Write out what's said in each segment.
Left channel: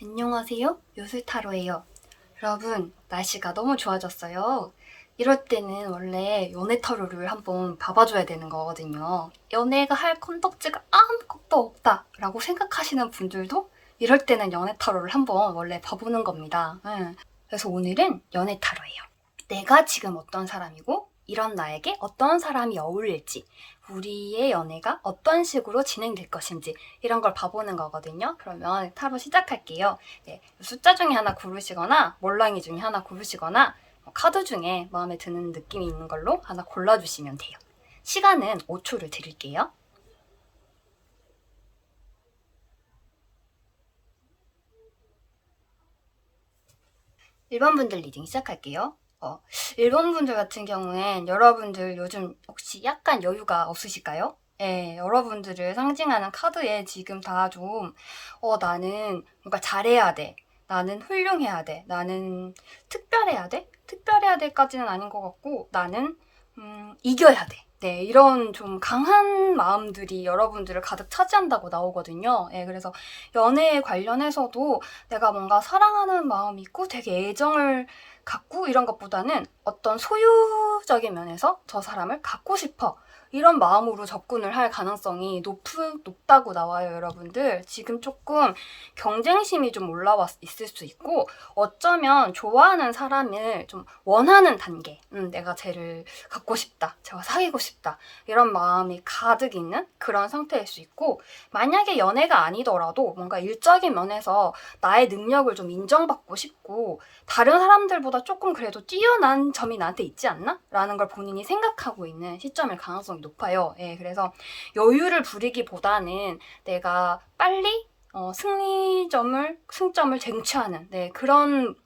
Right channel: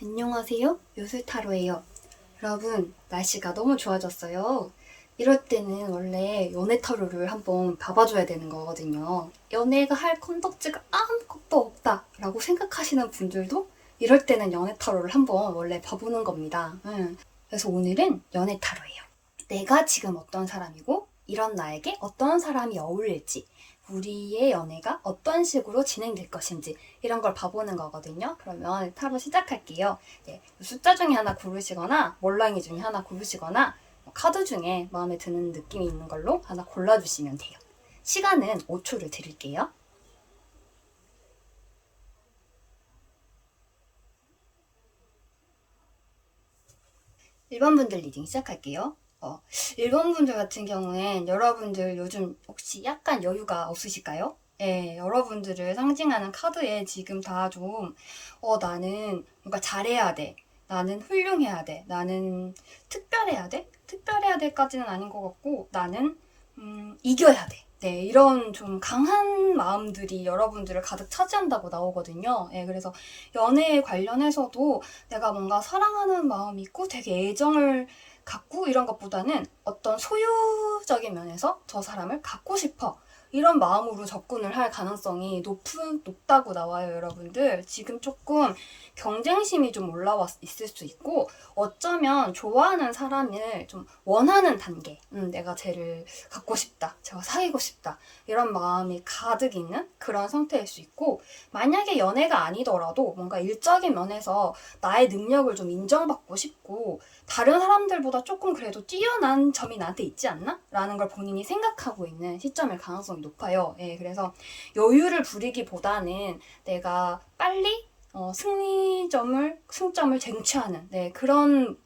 안녕하세요. 요술타로예요. 여러분, 날씨가 너무 좋아졌어요. 이럴 때는 원래 연애타로를 한번 봐봐줘야 되는 거거든요. 연애가 할 컨텐츠가 아무것도 없다라고 생각하시는 분들도 이럴 때는 연애타로를 한번 원래 봐보는 겁니다. 그래서 오늘은 연애타로예요. 내가 지금 어떤 사람이고 이런 나에게 어떤 사람이 어울릴지, 우리의 연애가 어떤 식으로 진행될 것인지 이런 걸 봐보는 거거든요. 그러면 타로 시작할게요. 네, 숫자 중에 하나 고르시거나 몰랑이 중에 하나 고르시거나 카드 중에 마음에 드는 느낌이 있는 걸로 하나 골라주시면 돼요. 시간은 5초를 드릴게요. 1번 분들 리딩 시작할게요. 1번 분들 같은 경우엔 여러분들 요즘 혹시 약간 여유가 없으실까요? 네, 여러분들을 상징하는 카드에 지금 다 좀, 나는 뭔가 잘해야 돼. 나는 훌륭해야 돼. 나는 특별해야 돼? 특별해야 돼까지는 아닌 것 같고, 나는, 이겨야 돼. 네, 이런 좀 강한 마음들이 여러분들을 가득 차지한다고 나오거든요. 네, 그래서 연애에 관련해서도 내가 뭔가 사랑하는 마음이 있고 되게 애정을 갖고 이런 것보다는 어떤 소유적인 면에서 저 사람을 갖고 싶어. 이런 마음으로 접근을 할 가능성이 높다고 나와요, 여러분들. 지금 조금 경쟁심이 좀 올라와 있을 수 있고, 어쩌면 좋아하는 사람을 좀 원하는 단계, 내가 쟤를 갖고 싶다, 제가 사귀고 싶다, 이런 마음이 가득 있는 그런 상태일 수 있고, 만약에 연애가 아니더라도 뭔가 일적인 면에서 나의 능력을 좀 인정받고 싶고, 다른 사람들보다 조금 그래도 뛰어난 점이 나한테 있지 않나? 라는 걸 본인이 생각하고 있는 시점일 가능성이 높아요. 예, 그래서 여유를 부리기보다는 내가 빨리 승점을 쟁취하는 그런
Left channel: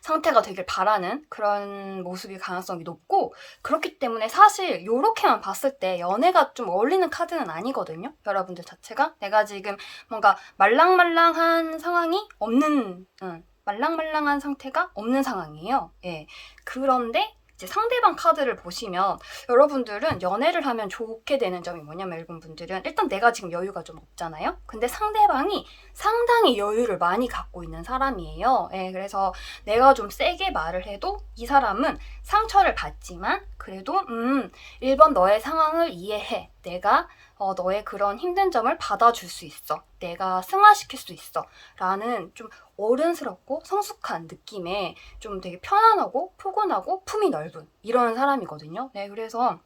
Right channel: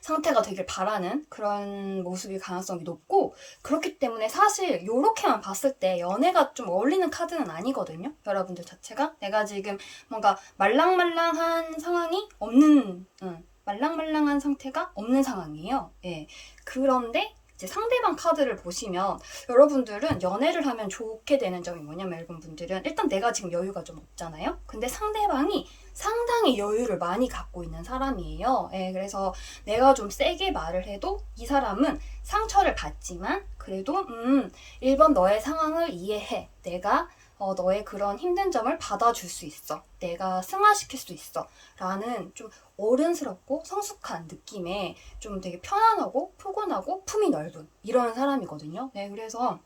상태가 되길 바라는 그런 모습일 가능성이 높고, 그렇기 때문에 사실 이렇게만 봤을 때 연애가 좀 어울리는 카드는 아니거든요. 여러분들 자체가 내가 지금 뭔가 말랑말랑한 상황이 없는 말랑말랑한 상태가 없는 상황이에요. 예. 그런데 이제 상대방 카드를 보시면 여러분들은 연애를 하면 좋게 되는 점이 뭐냐면, 일본 분들은 일단 내가 지금 여유가 좀 없잖아요. 근데 상대방이 상당히 여유를 많이 갖고 있는 사람이에요. 예, 그래서 내가 좀 세게 말을 해도 이 사람은 상처를 받지만 그래도 1번 너의 상황을 이해해. 내가 너의 그런 힘든 점을 받아줄 수 있어. 내가 승화시킬 수 있어. 라는 좀 어른스럽고 성숙한 느낌의 좀 되게 편안하고 포근하고 품이 넓은 이런 사람이거든요. 네, 그래서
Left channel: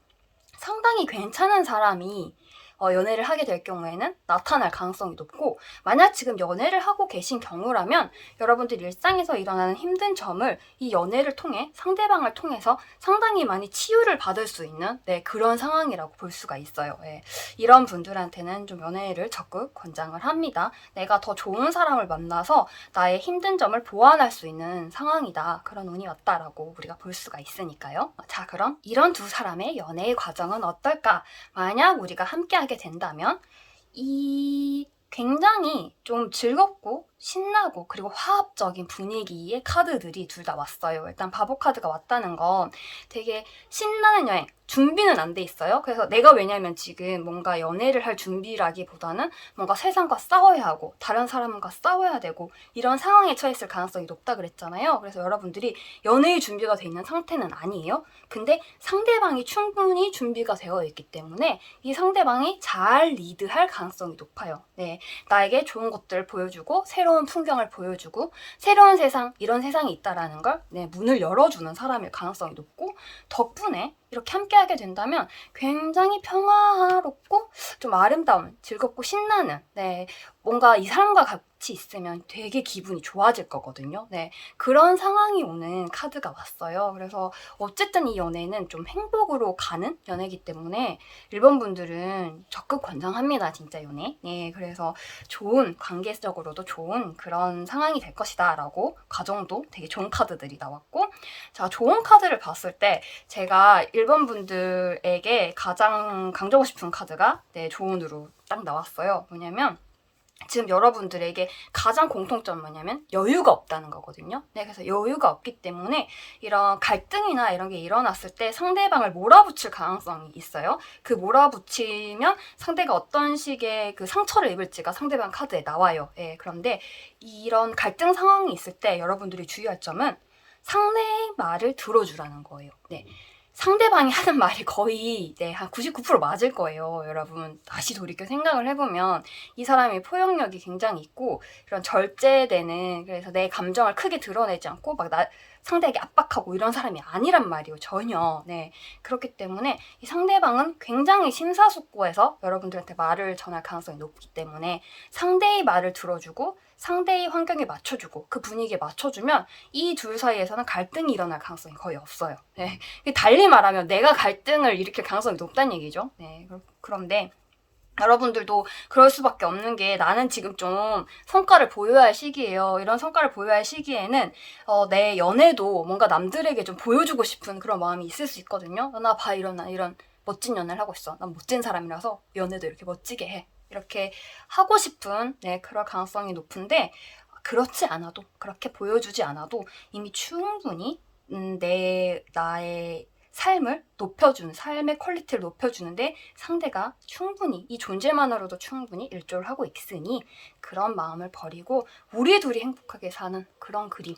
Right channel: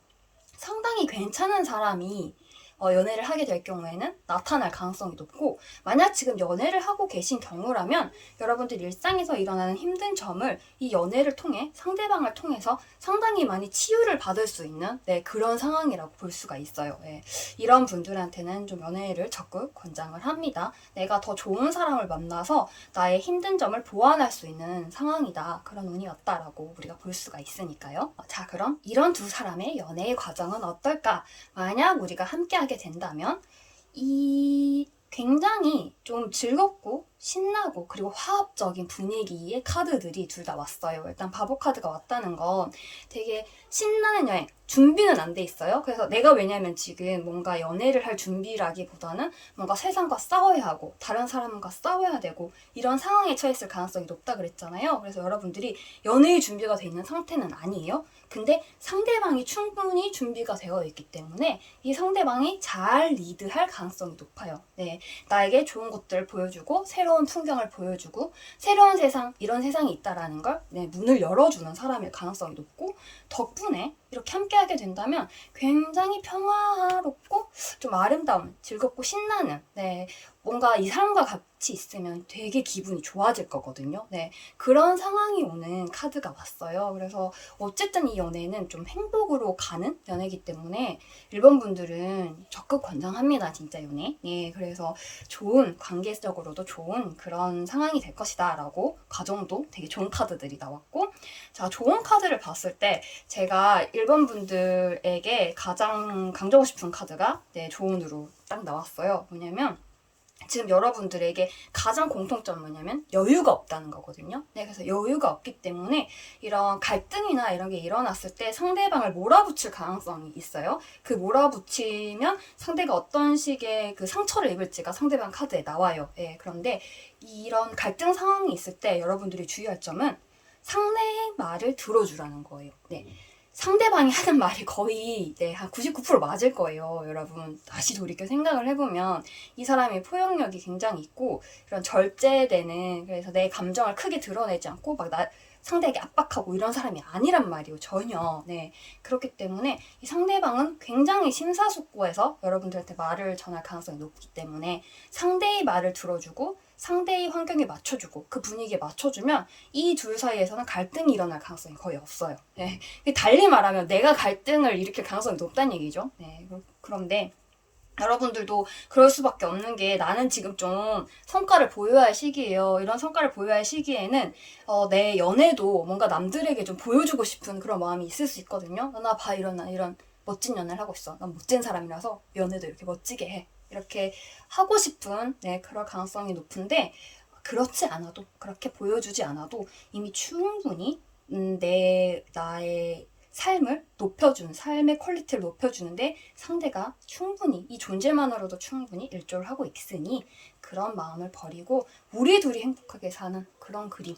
상당히 괜찮은 사람이 연애를 하게 될 경우에는 나타날 가능성이 높고, 만약 지금 연애를 하고 계신 경우라면 여러분들 일상에서 일어나는 힘든 점을 이 연애를 통해 상대방을 통해서 상당히 많이 치유를 받을 수 있는 그런 상황이라고 볼 수가 있어요. 네. 이런 분들한테는 좀 연애를 적극 권장을 합니다. 내가 더 좋은 사람을 만나서 나의 힘든 점을 보완할 수 있는 상황이다. 그런 운이 왔다라고 우리가 볼 수가 있으니까요. 자, 그럼 이런 두 사람의 연애의 과정은 어떨까? 만약 우리가 함께하게 된다면 이 굉장히 좀 즐겁고 신나고 그리고 화합적인 분위기의 카드들이 둘 다 왔어요. 일단 바보 카드가 왔다는 건 되게 신나는 여행, 준비는 안 돼 있어요. 그래서 내가 왜냐면 지금 뭔가 연애를 할 준비라기보다는 뭔가 세상과 싸워야 하고 다른 사람과 싸워야 되고 이런 상황에 처했을 가능성이 높다 그랬잖아요. 그래서 여러분들이 연애의 준비가 돼 있는 상태는 아니에요. 근데 상대방이 충분히 준비가 되어 있기 때문에 이 상대방이 잘 리드할 가능성이 높아요. 네, 나에게 좋은 것들을 보여주고 새로운 풍경을 보여주고 새로운 세상, 이런 세상이 있다라는 걸 문을 열어주는 사람일 가능성이 높고, 덕분에 이렇게 함께하게 된다면 굉장히 평화롭고 좀 아름다운, 즐겁고 신나는 뭔가 이 사람과 같이 있으면 되게 기분이 좋아질 거거든요. 네, 그런 상황이 오는 카드가 왔어요. 그래서 어쨌든 이 연애는 좀 행복으로 가는 연애이기 때문에 1번 분들은 적극 권장합니다. 진짜 연애. 네, 그래서 좋은, 관계적으로도 좋은 그런 상황이 될 것이다 라고 가정도 되게 좋은 카드들이 나왔고, 자, 좋은 카드를 봤을 때 제가 1번 분들에게 가장 강조하고 싶은 카드가 좋은으로 딱 나왔어요. 왜냐면 지금 여러분들에게 가장 공통점은 뭐냐면 여유가 없다는 거거든요. 네, 그래서 여유가 없기 때문에 이런 갈등이나 이런 게 일어났을 때 상대방을 몰아붙일 가능성이 있어요. 그 몰아붙이면 상대가 어떤 식의 그 상처를 입을지가 상대방 카드에 나와요. 네, 그런데 이런 갈등 상황이 있을 때 여러분들이 주의할 점은 상대의 말을 들어주라는 거예요. 네. 상대방이 하는 말이 거의 한 99% 맞을 거예요. 여러분 다시 돌이켜 생각을 해보면 이 사람이 포용력이 굉장히 있고 이런 절제되는, 그래서 내 감정을 크게 드러내지 않고 막 상대에게 압박하고 이런 사람이 아니란 말이에요. 전혀. 네. 그렇기 때문에 이 상대방은 굉장히 심사숙고해서 여러분들한테 말을 전할 가능성이 높기 때문에 상대의 말을 들어주고 상대의 환경에 맞춰주고 그 분위기에 맞춰주면 이 둘 사이에서는 갈등이 일어날 가능성이 거의 없어요. 네. 달리 말하면 내가 갈등을 일으킬 가능성이 높다는 얘기죠. 네. 그런데 여러분들도 그럴 수밖에 없는 게, 나는 지금 좀 성과를 보여야 할 시기예요. 이런 성과를 보여야 할 시기에는 내 연애도 뭔가 남들에게 좀 보여주고 싶은 그런 마음이 있을 수 있거든요. 나 봐, 이런 멋진 연애를 하고 있어. 난 멋진 사람이라서 연애도 이렇게 멋지게 해. 이렇게 하고 싶은 그럴 가능성이 높은데, 그렇지 않아도, 그렇게 보여주지 않아도 이미 충분히 나의 삶을 높여주는, 삶의 퀄리티를 높여주는데 상대가 충분히, 이 존재만으로도 충분히 일조를 하고 있으니 그런 마음을 버리고 우리 둘이 행복하게 사는 그런 그림,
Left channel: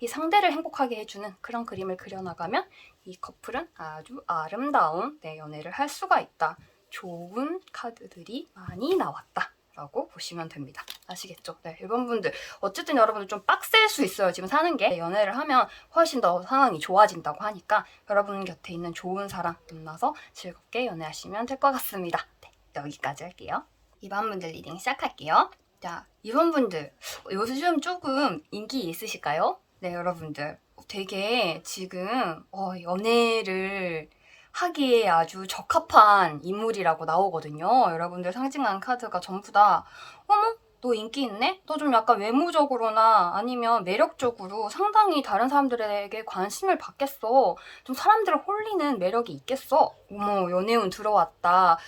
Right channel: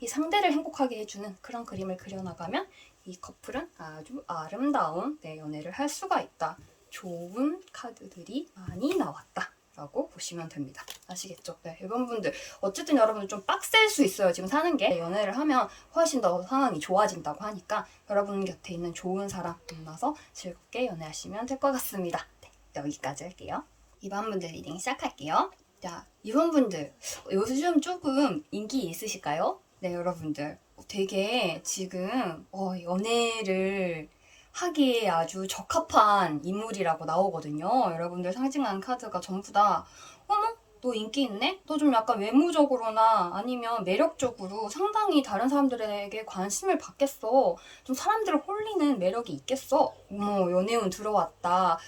이 상대를 행복하게 해주는 그런 그림을 그려나가면 이 커플은 아주 아름다운 연애를 할 수가 있다. 좋은 카드들이 많이 나왔다 라고 보시면 됩니다. 아시겠죠? 네, 1번분들 어쨌든 여러분들 좀 빡셀 수 있어요. 지금 사는 게 연애를 하면 훨씬 더 상황이 좋아진다고 하니까 여러분 곁에 있는 좋은 사람 만나서 즐겁게 연애하시면 될 것 같습니다. 네, 여기까지 할게요. 2번분들 리딩 시작할게요. 자, 2번분들 요즘 조금 인기 있으실까요? 네, 여러분들 되게 지금 연애를 하기에 아주 적합한 인물이라고 나오거든요. 여러분들 상징하는 카드가 전부 다 어머? 너 인기 있네? 너 좀 약간 외모적으로나 아니면 매력적으로 상당히 다른 사람들에게 관심을 받겠어. 좀 사람들을 홀리는 매력이 있겠어. 어머, 연애운 들어왔다.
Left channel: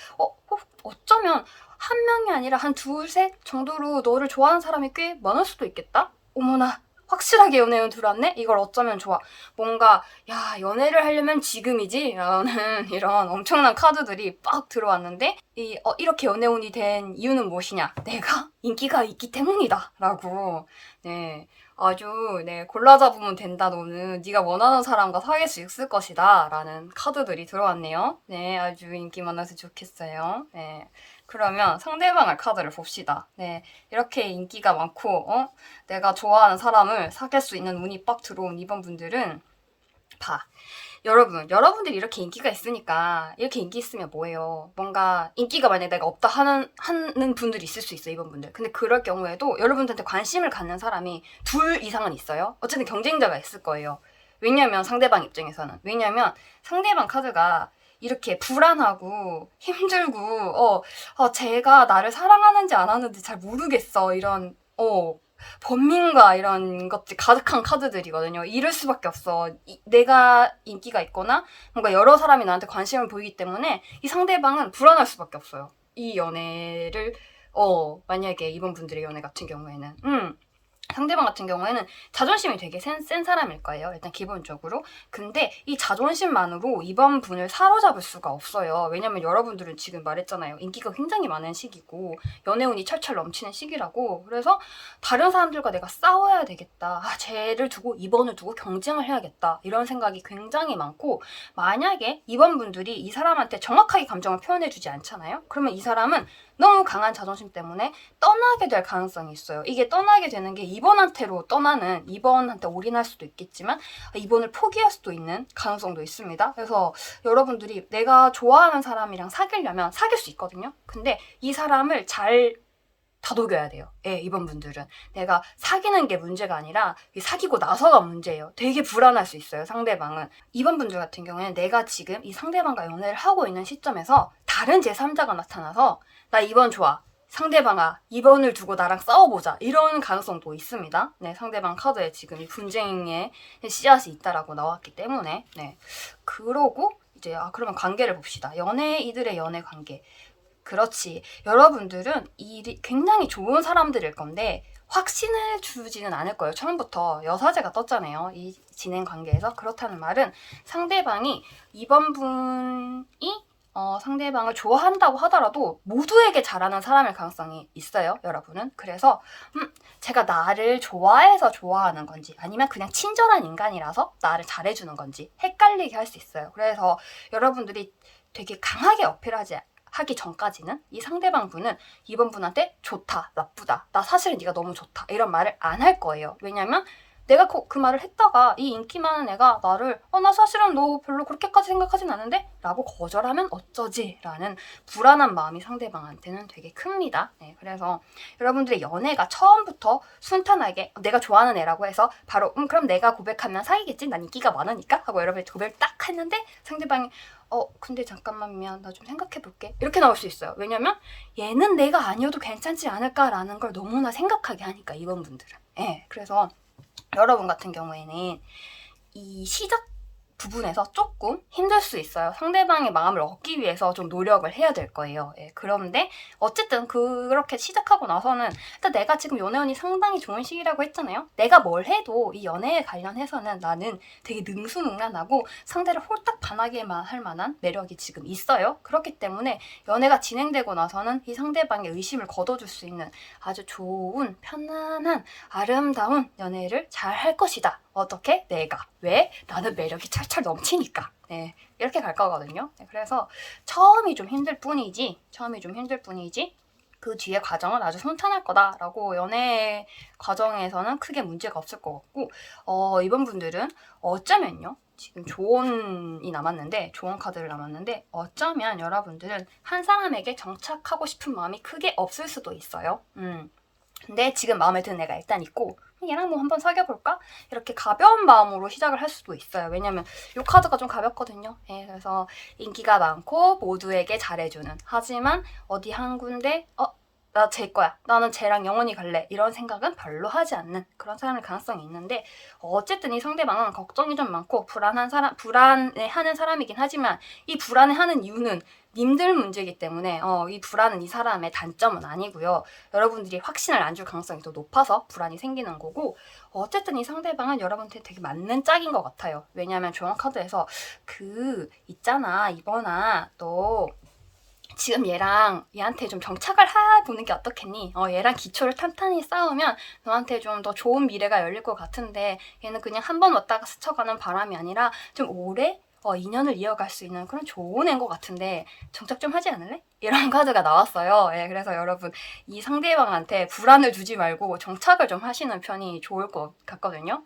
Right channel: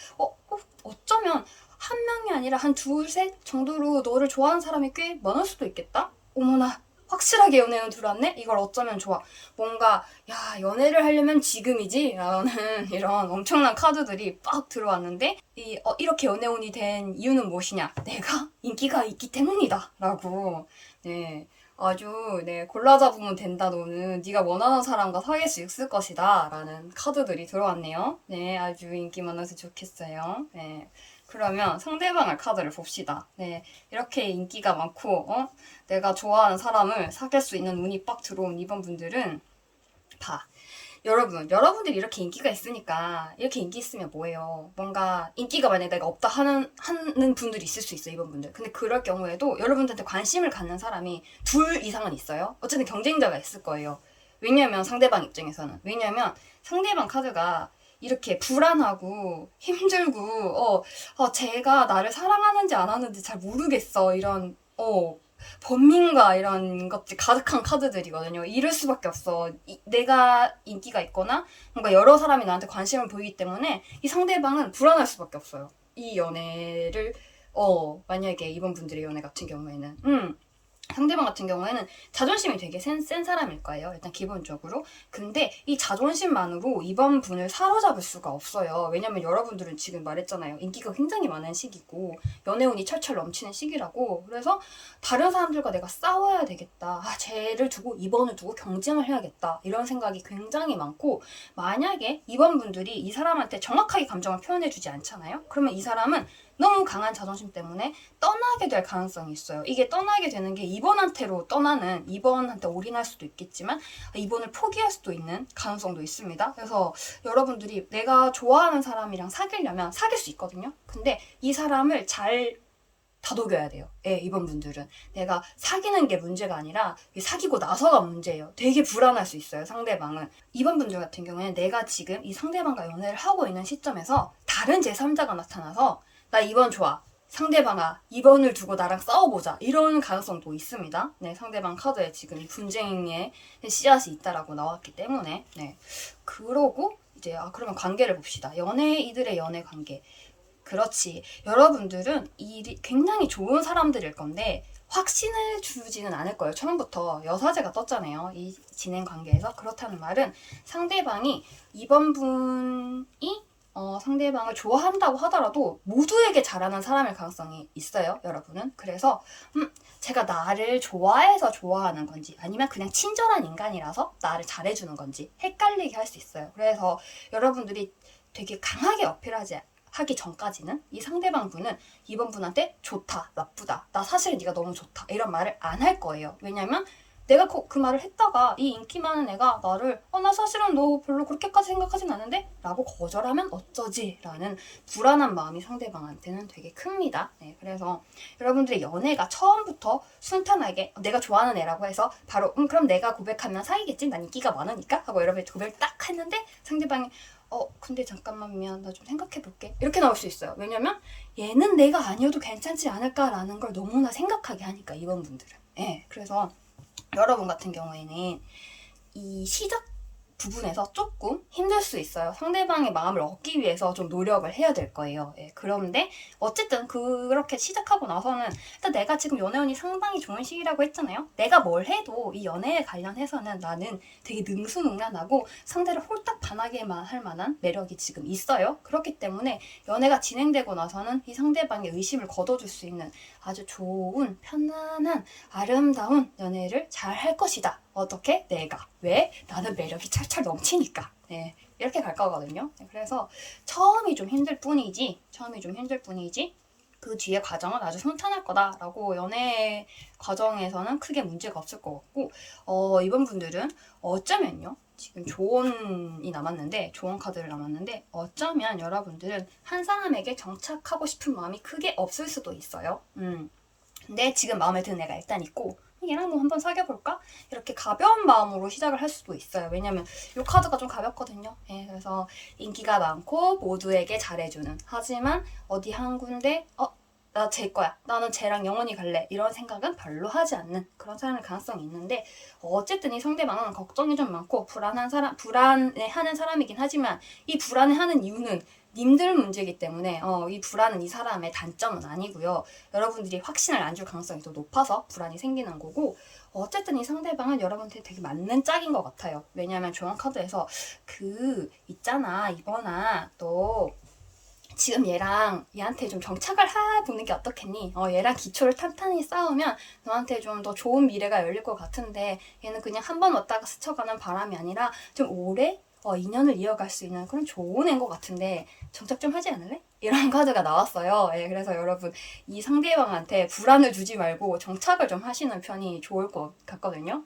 어쩌면 한 명이 아니라 한 둘, 셋 정도로 너를 좋아하는 사람이 꽤 많을 수도 있겠다? 어머나, 확실하게 연애운 들어왔네? 이걸 어쩌면 좋아. 뭔가 야, 연애를 하려면 지금이지? 라는 이런 엄청난 카드들이 빡 들어왔는데 이렇게 연애운이 된 이유는 무엇이냐? 내가 인기가 있기 때문이다 라고 아주 골라 잡으면 된다. 너는 네가 원하는 사람과 사귈 수 있을 것이다 라는 카드들이 들어왔네요. 네, 아주 인기 많아서 좋겠어요. 네. 그러면 상대방의 카드를 봅시다. 네, 이렇게 인기가 많고 내가 좋아하는 사람을 사귈 수 있는 운이 빡 들어온 2번 분들은 여러분들이 이렇게 인기가 있으니까, 이렇게 인기 있으면 뭐예요? 뭔가 인기가 만약에 내가 없다 하는 분들이 있을 수 있어요, 2번 분들. 근데 그럴 경우에도 여러분들한테 관심을 갖는 사람이 둘 이상은 있어요. 어쨌든 경쟁자가 있을 거예요. 왜냐면 상대방 입장에서는. 왜냐면 상대방 카드가 이렇게 불안하고 힘들고 제가 나를 사랑하는지 안 하는지 잘 모르겠어. 이런 번민과 이런 것들이 가득한 카드들이거든요. 이럴 수밖에 없어. 내가 인기가 있거나 뭔가 여러 사람이 나한테 관심을 보이기 때문에 이 상대방은 불안할 수밖에 없어요. 이 연애를 만약에 이번 분들의 연애 같은 경우에는 상대방 같은 경우에는 자존심이 되게 센 사람일 거예요. 일단 기본적으로. 근데 이 자존심만으로 이번 분을 사로잡을 수가 없어요. 왜냐면 여러분들은 지금 말했잖아요. 인기가 굉장히 많은 시기고 연애운이 철철 넘치는 시기라고. 그래서 다른 사람들과 내가 싸워야 되겠다. 쟤를 두고 이번을 두고 경쟁을 해야겠다. 이런 생각이 굉장히 많고, 만약에 이번 분들이 이 사람한테 정확하게 감정을 표현해주지 않잖아요. 그러면 이 사람은 너무 강한 자존심 때문에 떠나게 될 가능성이 있어요. 이게 떠나게 되는 게 2번한테로 떠나는, 2번한테 올인할 수도 있겠지만 2번을 포기할 수도 있는 가능성도 있습니다. 그래서 여러분들이 내가 좋아하는 사람이랑 사귀려면 사귈 수 있거든요. 근데 이 사람을 잘 다독여야 돼요. 2번 분들은. 내가 사귀는 게 문제가 아니라 사귀고 나서가 문제예요. 되게 불안할 수 있어요, 상대방은. 2번 분들 같은 경우에는 내가 지금 이 상대방과 연애를 하고 있는 시점에서 다른 제3자가 나타나서 나 2번 좋아. 상대방아, 2번을 두고 나랑 싸워보자. 이런 가능성도 있습니다. 상대방 카드에 지금 분쟁의 씨앗이 있다라고 나왔기 때문에. 그러고 이제 그러면 관계를 봅시다. 이들의 연애 관계. 그렇지. 여러분들은 일이 굉장히 좋은 사람들일 건데 확신을 주지는 않을 거예요. 처음부터 여사제가 떴잖아요. 이 진행 관계에서. 그렇다는 말은 상대방이 이번 분이 상대방을 좋아한다고 하더라도 모두에게 잘하는 사람일 가능성이 있어요. 여러분은. 그래서 제가 나를 좋아해서 좋아하는 건지 아니면 그냥 친절한 인간이라서 나를 잘해주는 건지 헷갈리게 할 수 있어요. 그래서 여러분들이 되게 강하게 하기 전까지는 이 상대방 분은 이번 분한테 좋다, 나쁘다, 나 사실 네가 너무 좋다 이런 말을 안 할 거예요. 왜냐면 내가 그 말을 했다가 이 인기 많은 애가 나를 나 사실은 너 별로 그렇게까지 생각하진 않는데? 라고 거절하면 어쩌지? 라는 불안한 마음이 상대방한테는 되게 큽니다. 네, 그래서 여러분들의 연애가 처음부터 순탄하게 내가 좋아하는 애라고 해서 바로 그럼 내가 고백하면 사귀겠지? 난 인기가 많으니까? 하고 여러분이 고백을 딱 했는데 상대방이 근데 잠깐만 미안 나 좀 생각해볼게 이렇게 나올 수 있어요. 왜냐면 얘는 내가 아니어도 괜찮지 않을까라는 걸 너무나 생각하게 하니까 이번 분들은. 그래서 여러분 같은 경우에는 이 시작 부분에서 조금 힘들 수 있어요. 상대방의 마음을 얻기 위해서 좀 노력을 해야 될 거예요. 그런데 어쨌든 그렇게 시작하고 나서는 일단 내가 지금 연애운이 상당히 좋은 시기라고 했잖아요. 내가 뭘 해도 이 연애에 관련해서는 나는 되게 능수능란하고 상대를 홀딱 반하게만 할 만한 매력이 지금 있어요. 그렇기 때문에 연애가 진행되고 나서는 이 상대방의 의심을 걷어줄 수 있는 아주 좋은 편안한 아름다운 연애를 잘 할 것이다. 어떻게? 내가. 왜? 나는 매력이 찰찰 넘치니까. 이렇게 갈 거거든요. 그래서 처음이 좀 힘들 뿐이지 그 뒤에 과정은 아주 순탄할 거다라고 연애 과정에서는 크게 문제가 없을 것 같고 이번 분들은 어쩌면요. 지금 조언이 남았는데 조언 카드를 남았는데 어쩌면 여러분들은 한 사람에게 정착하고 싶은 마음이 크게 없을 수도 있어요. 근데 지금 마음에 드는 애가 일단 있고 얘랑 뭐 한번 사귀어볼까? 이렇게 가벼운 마음으로 시작을 할 수도 있어요. 왜냐면 이 카드가 좀 가볍거든요. 그래서 인기가 많고 모두에게 잘해주는 하지만 어디 한 군데 나 쟤 거야. 나는 쟤랑 영원히 갈래. 이런 생각은 별로 하지 않는 그런 사람일 가능성이 있는데 어쨌든 이 상대방은 걱정이 좀 많고 불안해하는 사람이긴 하지만 이 불안해하는 이유는 님들 문제이기 때문에 이 불안은 이 사람의 단점은 아니고요. 여러분들이 확신을 안 줄 가능성이 더 높아서 불안이 생기는 거고 어쨌든 이 상대방은 여러분한테 되게 맞는 짝인 것 같아요. 왜냐하면 조언 카드에서 있잖아 이번아 너 지금 얘한테 좀 정착을 해보는 게 어떻겠니? 얘랑 기초를 탄탄히 쌓으면 너한테 좀 더 좋은 미래가 열릴 것 같은데 얘는 그냥 한 번 왔다가 스쳐가는 바람이 아니라 좀 오래 인연을 이어갈 수 있는 그런 좋은 애인 것 같은데 정착 좀 하지 않을래? 이런 카드가 나왔어요. 그래서 여러분 이 상대방한테 불안을 주지 말고 정착을 좀 하시는 편이 좋을 것 같거든요.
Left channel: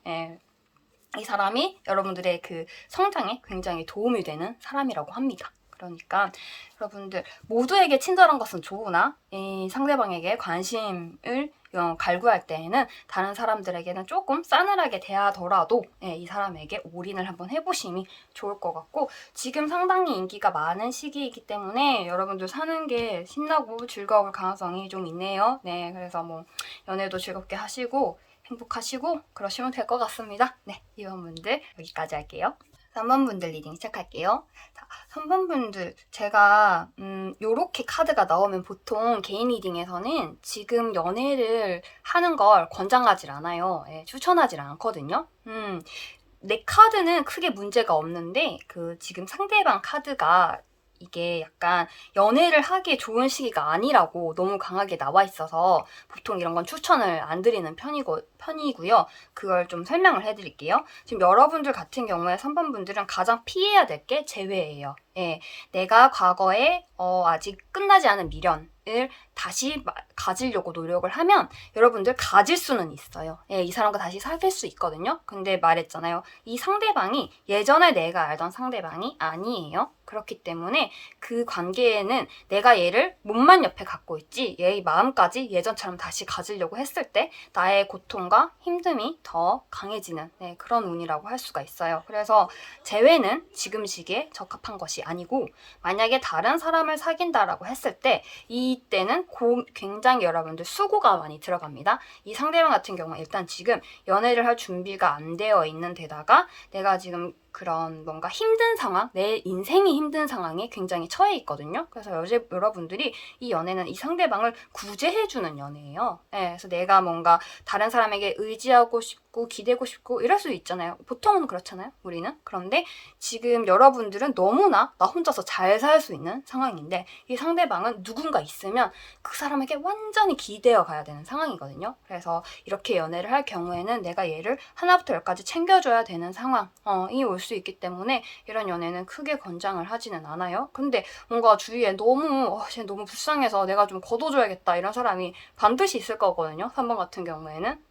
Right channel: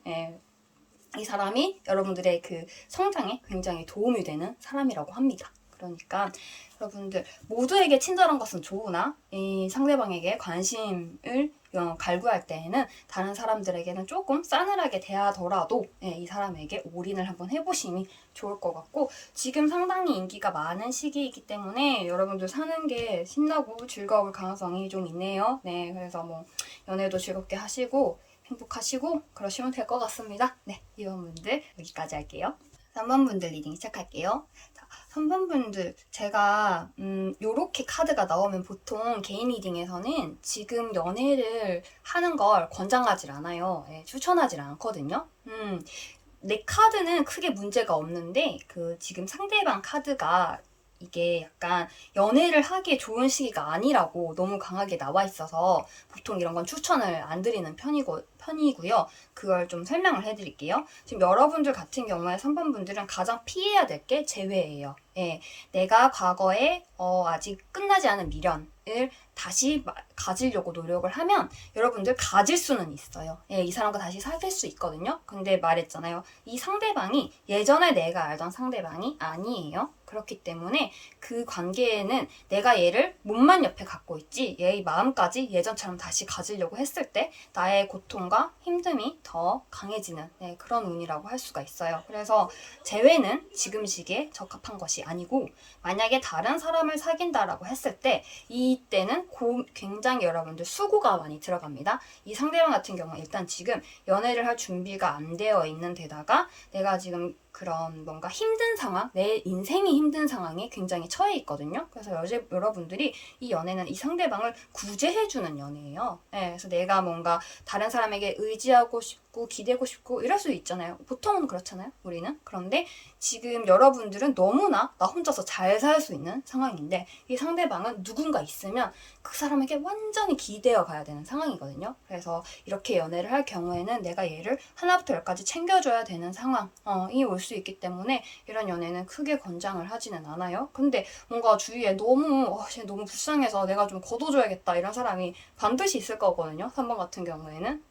이 사람이 여러분들의 그 성장에 굉장히 도움이 되는 사람이라고 합니다. 그러니까 여러분들 모두에게 친절한 것은 좋으나 이 상대방에게 관심을 갈구할 때에는 다른 사람들에게는 조금 싸늘하게 대하더라도 이 사람에게 올인을 한번 해보심이 좋을 것 같고 지금 상당히 인기가 많은 시기이기 때문에 여러분들 사는 게 신나고 즐거울 가능성이 좀 있네요. 그래서 뭐 연애도 즐겁게 하시고 행복하시고 그러시면 될 것 같습니다. 이번 분들 여기까지 할게요. 3번 분들 리딩 시작할게요. 3번 분들 제가 요렇게 카드가 나오면 보통 개인 리딩에서는 지금 연애를 하는 걸 권장하지 않아요. 추천하지 않거든요. 내 카드는 크게 문제가 없는데 지금 상대방 카드가 이게 약간 연애를 하기에 좋은 시기가 아니라고 너무 강하게 나와 있어서 보통 이런 건 추천을 안 드리는 편이고요. 그걸 좀 설명을 해드릴게요. 지금 여러분들 같은 경우에 3번 분들은 가장 피해야 될 게 재회예요. 내가 과거에 아직 끝나지 않은 미련을 다시 가지려고 노력을 하면 여러분들 가질 수는 있어요. 이 사람과 다시 사귈 수 있거든요. 근데 말했잖아요. 이 상대방이 예전에 내가 알던 상대방이 아니에요. 그렇기 때문에 그 관계에는 내가 얘를 몸만 옆에 갖고 있지 얘의 마음까지 예전처럼 다시 가지려고 했을 때 나의 고통과 힘듦이 더 강해지는 그런 운이라고 할 수가 있어요. 그래서 재회는 지금 시기에 적합한 것이 아니고 만약에 다른 사람을 사귄다라고 했을 때 이때는 굉장히 여러분들 수고가 많이 들어갑니다. 이 상대방 같은 경우는 일단 지금 연애를 할 준비가 안 되어 있는 데다가 내가 지금 그런 뭔가 힘든 상황, 내 인생이 힘든 상황에 굉장히 처해 있거든요. 그래서 여러분들이 이 연애는 이 상대방을 구제해주는 연애예요. 예, 그래서 내가 뭔가 다른 사람에게 의지하고 싶고 기대고 싶고 이럴 수 있잖아요. 보통은 그렇잖아요, 우리는. 그런데 지금 여러분들은 너무나 나 혼자서 잘 살 수 있는 상황인데 이 상대방은 누군가 있으면 그 사람에게 완전히 기대어 가야 되는 상황이거든요. 그래서 이렇게 연애를 할 경우에는 내가 얘를 하나부터 열까지 챙겨줘야 되는 상황이 올 수 있기 때문에 이런 연애는 크게 권장을 하지는 않아요. 근데 뭔가 주위에 쟤 너무 불쌍해서 내가 좀 걷어줘야겠다 이런 사람이 반드시 있을 거거든요. 3번 같은 경우에는.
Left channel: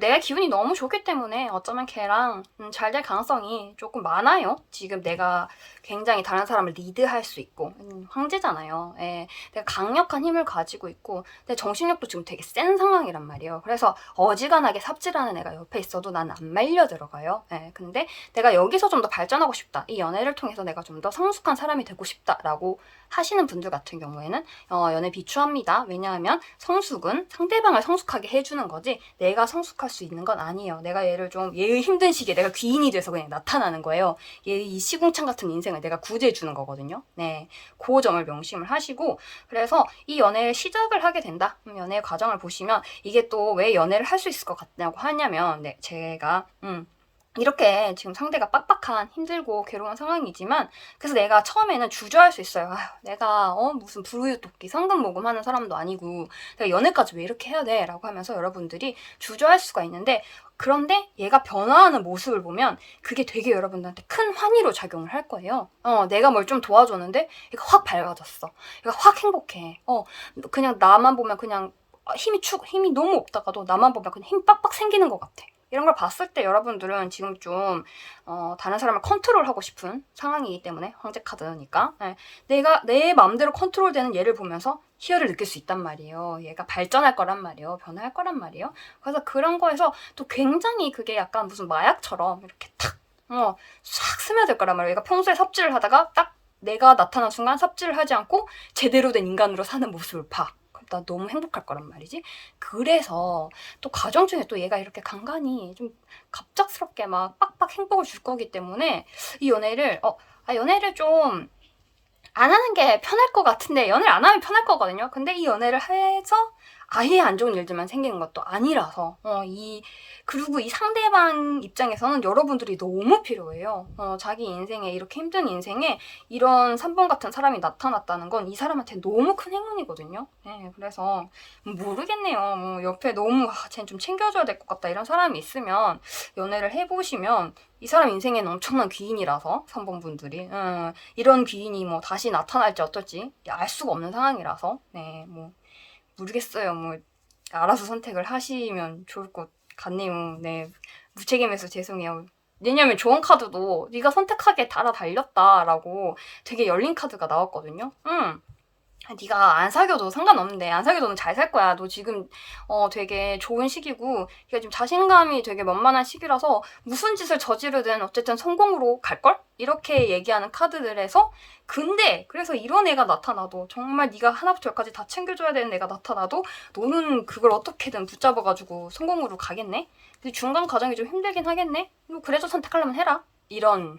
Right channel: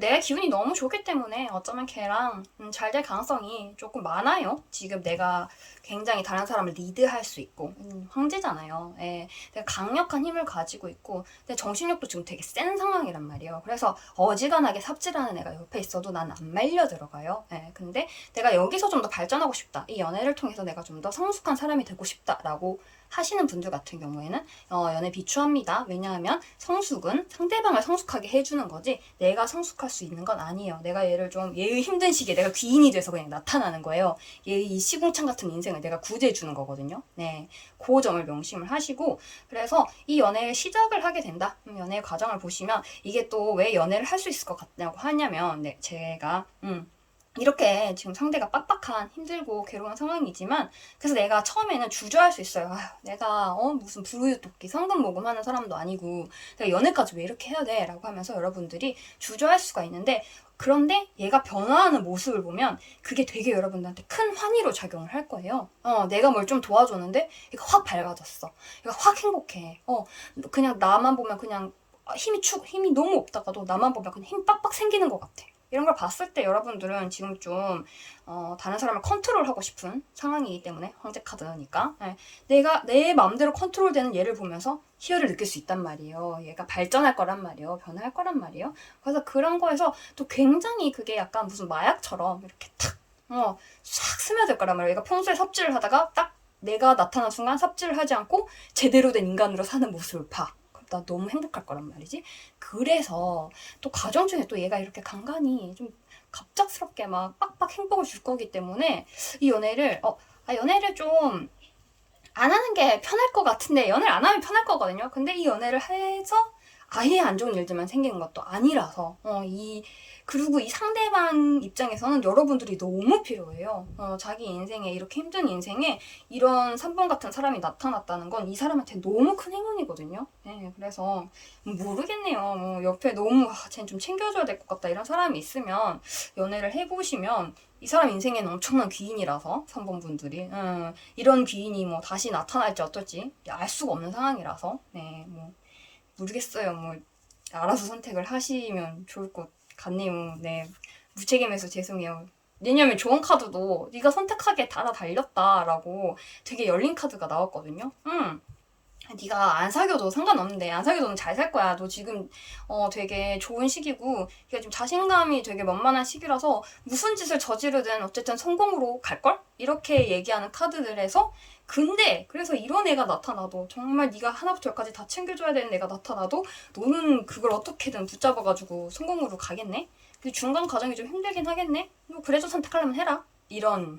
내 기분이 너무 좋기 때문에 어쩌면 걔랑 잘 될 가능성이 조금 많아요. 지금 내가 굉장히 다른 사람을 리드할 수 있고 황제잖아요. 예, 내가 강력한 힘을 가지고 있고 내 정신력도 지금 되게 센 상황이란 말이에요. 그래서 어지간하게 삽질하는 애가 옆에 있어도 난 안 말려 들어가요. 예, 근데 내가 여기서 좀 더 발전하고 싶다. 이 연애를 통해서 내가 좀 더 성숙한 사람이 되고 싶다라고 하시는 분들 같은 경우에는 연애 비추합니다. 왜냐하면 성숙은 상대방을 성숙하게 해주는 거지 내가 성숙할 수 있는 건 아니에요. 내가 얘를 좀 얘의 힘든 시기에 내가 귀인이 돼서 그냥 나타나는 거예요. 얘의 이 시궁창 같은 인생을 내가 구제해주는 거거든요. 네, 그 점을 명심을 하시고 그래서 이 연애를 시작을 하게 된다. 연애의 과정을 보시면 이게 또 왜 연애를 할 수 있을 것 같냐고 하냐면 네, 제가 이렇게 지금 상대가 빡빡한 힘들고 괴로운 상황이지만 그래서 내가 처음에는 주저할 수 있어요. 아휴, 내가 무슨 불우유토끼 성금 모금하는 사람도 아니고 내가 연애까지 왜 이렇게 해야 돼? 라고 하면서 여러분들이 주저할 수가 있는데 그런데 얘가 변화하는 모습을 보면 그게 되게 여러분들한테 큰 환희로 작용을 할 거예요. 내가 뭘 좀 도와줬는데 얘가 확 밝아졌어. 얘가 확 행복해. 그냥 나만 보면 그냥 힘이 너무 없다가도 나만 보면 그냥 힘 빡빡 생기는 것 같아. 이런 걸 봤을 때 여러분들은 지금 좀 다른 사람을 컨트롤하고 싶은 상황이기 때문에 황제 카드니까 내가 내 마음대로 컨트롤되는 얘를 보면서 희열을 느낄 수 있단 말이에요. 얘가 발전할 거란 말이에요. 변화할 거란 말이에요. 그래서 그런 거에서 또 굉장히 그게 약간 무슨 마약처럼 이렇게 탁 싹 스며들 거란 말이에요. 얘가 평소에 삽질을 하다가 딱 내가 나타난 순간 삽질을 하지 않고 제대로 된 인간으로 사는 모습을 봐. 나 너무 행복할 거란 말이지. 그래서 또 가정 중에 또 얘가 이렇게 간간히 좀 갑작스럽게 막 빡빡 행복을 줄 거기 때문에 이 연애를 좀 안 하는 게 편할 것 같은데 연애를 안 하면 편할 거거든요. 근데 이 연애를 해서 아예 안 좋은 일들만 생기는 것도 아니라서 그리고 이 상대방 입장에서는 여러분들이 너무 필요해요. 자기 인생에 이렇게 힘든 인생에 이런 3번 같은 사람이 나타났다는 건 이 사람한테 너무 큰 행운이거든요. 네, 그래서 모르겠네요. 옆에 너무 쟤는 좀 챙겨줘야 될 것 같다 이런 사람이 있으면 연애를 해보시면 이 사람 인생에는 엄청난 귀인이라서 3번 분들이 이런 귀인이 뭐 다시 나타날지 어떨지 알 수가 없는 상황이라서 네, 뭐 모르겠어요. 뭐 알아서 선택을 하시면 좋을 것 같네요. 네, 무책임해서 죄송해요. 왜냐면 조언 카드도 네가 선택하게 달렸다라고 되게 열린 카드가 나왔거든요. 네가 안 사귀어도 상관없는데 안 사귀어도 잘 살 거야. 너 지금 되게 좋은 시기고 네가 지금 자신감이 되게 만만한 시기라서 무슨 짓을 저지르든 어쨌든 성공으로 갈걸? 이렇게 얘기하는 카드들에서 근데 그래서 이런 애가 나타나도 정말 네가 하나부터 열까지 다 챙겨줘야 되는 애가 나타나도 너는 그걸 어떻게든 붙잡아가지고 성공으로 가겠네? 근데 중간 과정이 좀 힘들긴 하겠네? 뭐 그래서 선택하려면 해라. 이런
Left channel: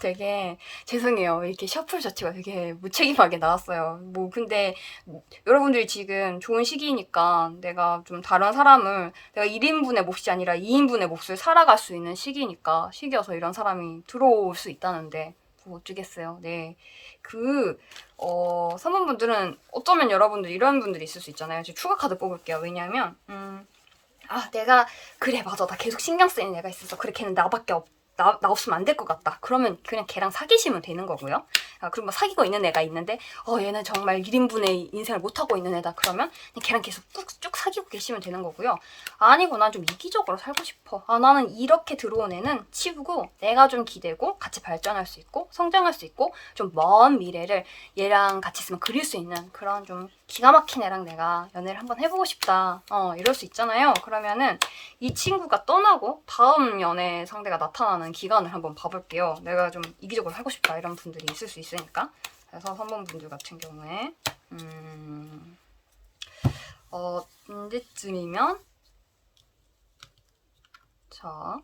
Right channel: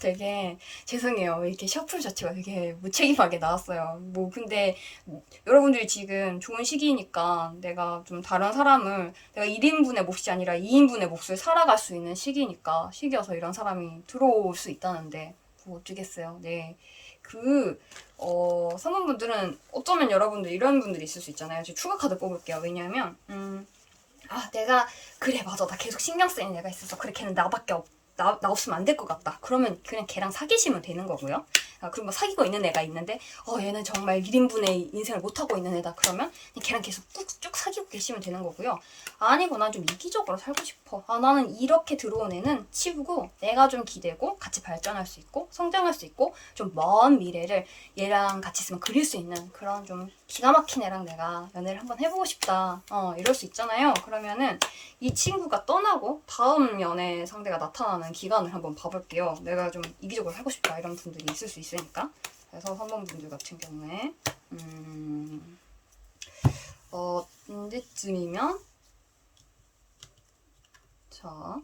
되게 죄송해요. 이렇게 셔플 자체가 되게 무책임하게 나왔어요. 뭐 근데 여러분들이 지금 좋은 시기니까 내가 좀 다른 사람을 내가 1인분의 몫이 아니라 2인분의 몫을 살아갈 수 있는 시기여서 이런 사람이 들어올 수 있다는데 뭐 어쩌겠어요. 네. 선원분들은 어쩌면 여러분들 이런 분들이 있을 수 있잖아요. 제가 추가 카드 뽑을게요. 왜냐하면 내가 그래 맞아 나 계속 신경 쓰이는 애가 있어서 그래 걔는 나밖에 나 없으면 안 될 것 같다. 그러면 그냥 걔랑 사귀시면 되는 거고요. 그리고 뭐 사귀고 있는 애가 있는데 얘는 정말 1인분의 인생을 못하고 있는 애다. 그러면 걔랑 계속 쭉 사귀고 계시면 되는 거고요. 아니고 난 좀 이기적으로 살고 싶어. 나는 이렇게 들어온 애는 치우고 내가 좀 기대고 같이 발전할 수 있고 성장할 수 있고 좀 먼 미래를 얘랑 같이 있으면 그릴 수 있는 그런 좀 기가 막힌 애랑 내가 연애를 한번 해보고 싶다. 이럴 수 있잖아요. 그러면은 이 친구가 떠나고 다음 연애 상대가 나타나는 기간을 한번 봐볼게요. 내가 좀 이기적으로 하고 싶다 이런 분들이 있을 수 있으니까. 그래서 3번 분들 같은 경우에 언제쯤이면 자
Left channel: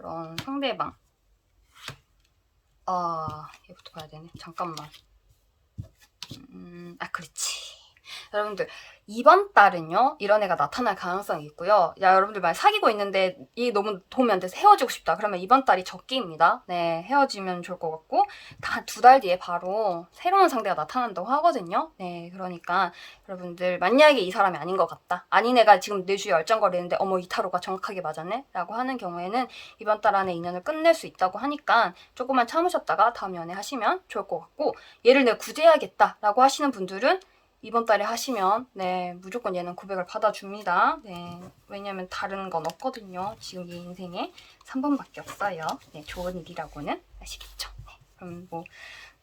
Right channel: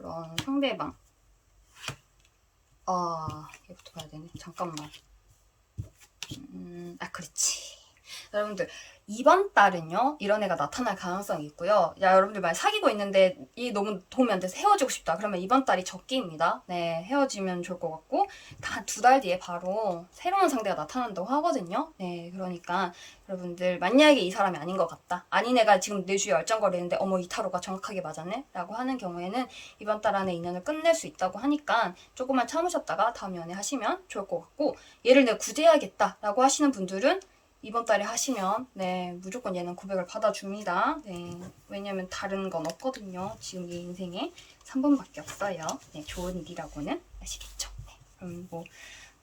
그런 상대방. 얘부터 봐야 되네. 잠깐만. 그렇지. 여러분들, 이번 달은요, 이런 애가 나타날 가능성이 있고요. 야, 여러분들 말 사귀고 있는데 이 너무 도움이 안 돼서 헤어지고 싶다. 그러면 이번 달이 적기입니다. 네, 헤어지면 좋을 것 같고, 다 2달 뒤에 바로 새로운 상대가 나타난다고 하거든요. 네, 그러니까 여러분들, 만약에 이 사람이 아닌 것 같다. 아닌 애가 지금 내 주위에 얼쩡거리는데, 어머, 이 타로가 정확하게 맞았네? 라고 하는 경우에는 이번 달 안에 인연을 끝낼 수 있다고 하니까 조금만 참으셨다가 다음 연애 하시면 좋을 것 같고, 얘를 내가 구제해야겠다. 라고 하시는 분들은 이번 달에 하시면 네 무조건 얘는 고백을 받아줍니다. 네 왜냐면 다른 건 없거든요. 지금 이 인생에 3번밖에 없어요. 네 좋은 일이라고는 아시겠죠? 네, 그럼 뭐